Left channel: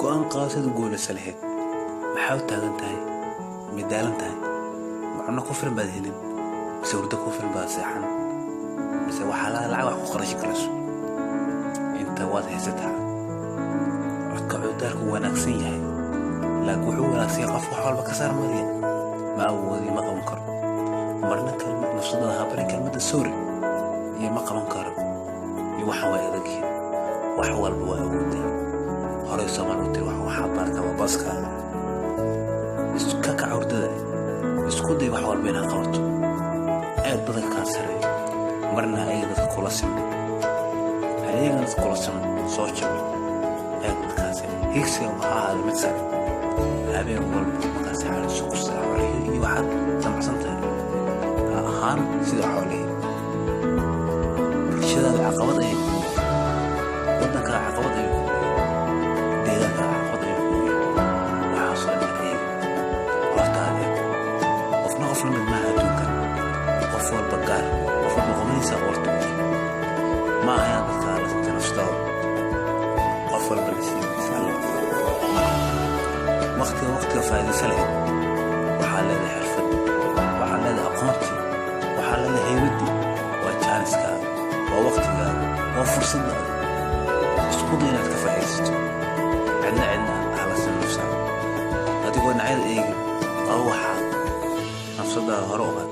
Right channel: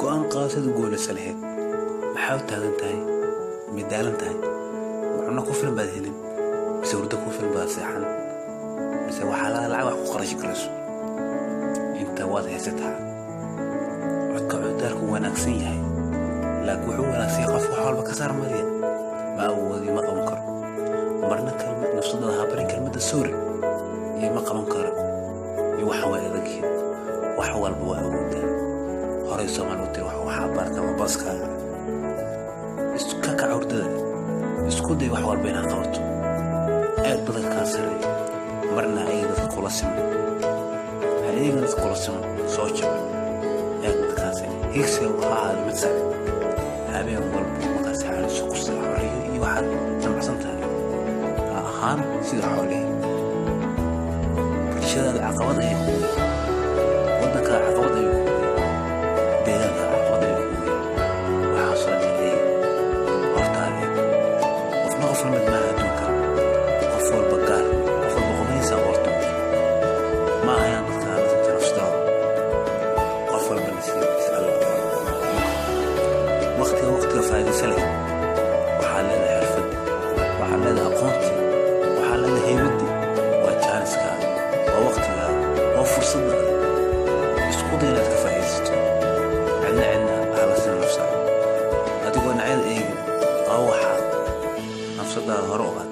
go'aan qaadashada guulaysa lahayd maxaa u taagan tahay midaalan tahay macno ku filan baad helin mise hurdo ku filan baad seexan mise waxaa lacag wax ku qarashi karayso inta waad haysataa codka cudurku wanaagsan yahay laakiin wuxuu wanaagsan yahay qof wax walba ka saar mariya ma awoodi ma qaban karo marna kalmad nafsada habarin kalmada sorry iyo ma qaban karo iyo waxa way adag wax walba waa awoodaa horay Soomaalidu waxa barta waa baskaaga isku ka cawrdada isku day wax walba inaad qabato aad badan ka sareeyo marna ay dadka kula siman hay'adaha dadka kula siman soo jabay aad ka sareeyo higsi waxa aad mid sare habeen walba markaas xal isku saarayo iyo waxa samacsantahay ahaan sida xoolaha bulshada caqabad ay ku wadanka caqabad ay ku deegaanka caqabad ay ku waxa soo dhacay hortaade qofna qof la mid ma adduunka qof walba gaar qof walba qomaysa horto ma ayaan dadka la tanafsado qof walba nasiibkiisa Allah waqtiga faa'iideysa leh waxa la xirfad waxa la aqoonti waxa la heybadi waa chanska waa waqtiga waa fursada isku day inaad ka faa'iideysato عنا على سن نفسها هتقول نعيد إيه أو واحد نفسها هروقة